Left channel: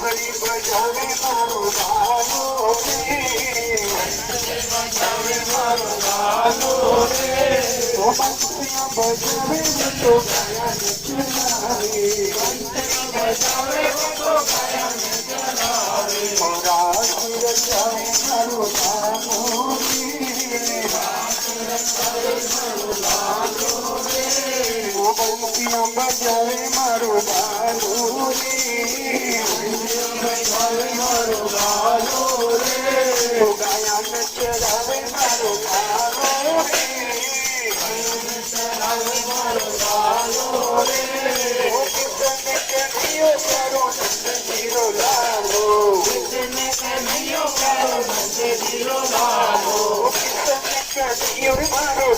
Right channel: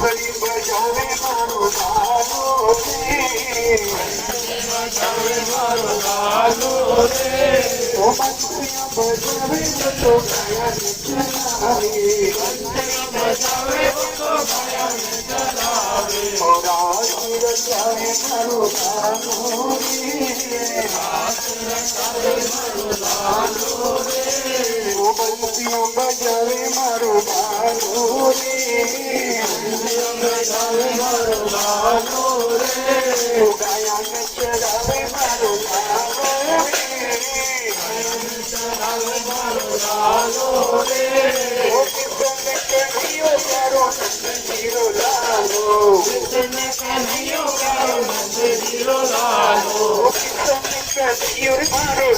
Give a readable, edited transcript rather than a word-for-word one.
ઘંટડી બજાવે મારો બાલો રે ઘંટડી બજાવે મારો બાલો રે ઓ બંસુરિયા બજાવે તો ગાયન ચલાવે ઘંટડી બજાવે તો ગાયન ચલાવે ઓ રાસી રચાવે મારો બાલો રે રાસી રચાવે મારો બાલો રે ઓ બંસુરિયા બજાવે મારો બાલો રે બજાવે મારો બાલો રે ગાયન ચલાવે મારો બાલો રે ચલાવે મારો બાલો રે ઓ કિતને કહીયો તારો મંદિરો લાલો કિતને કહીયો તારો મંદિરો લાલો કિતને કહીયો તારો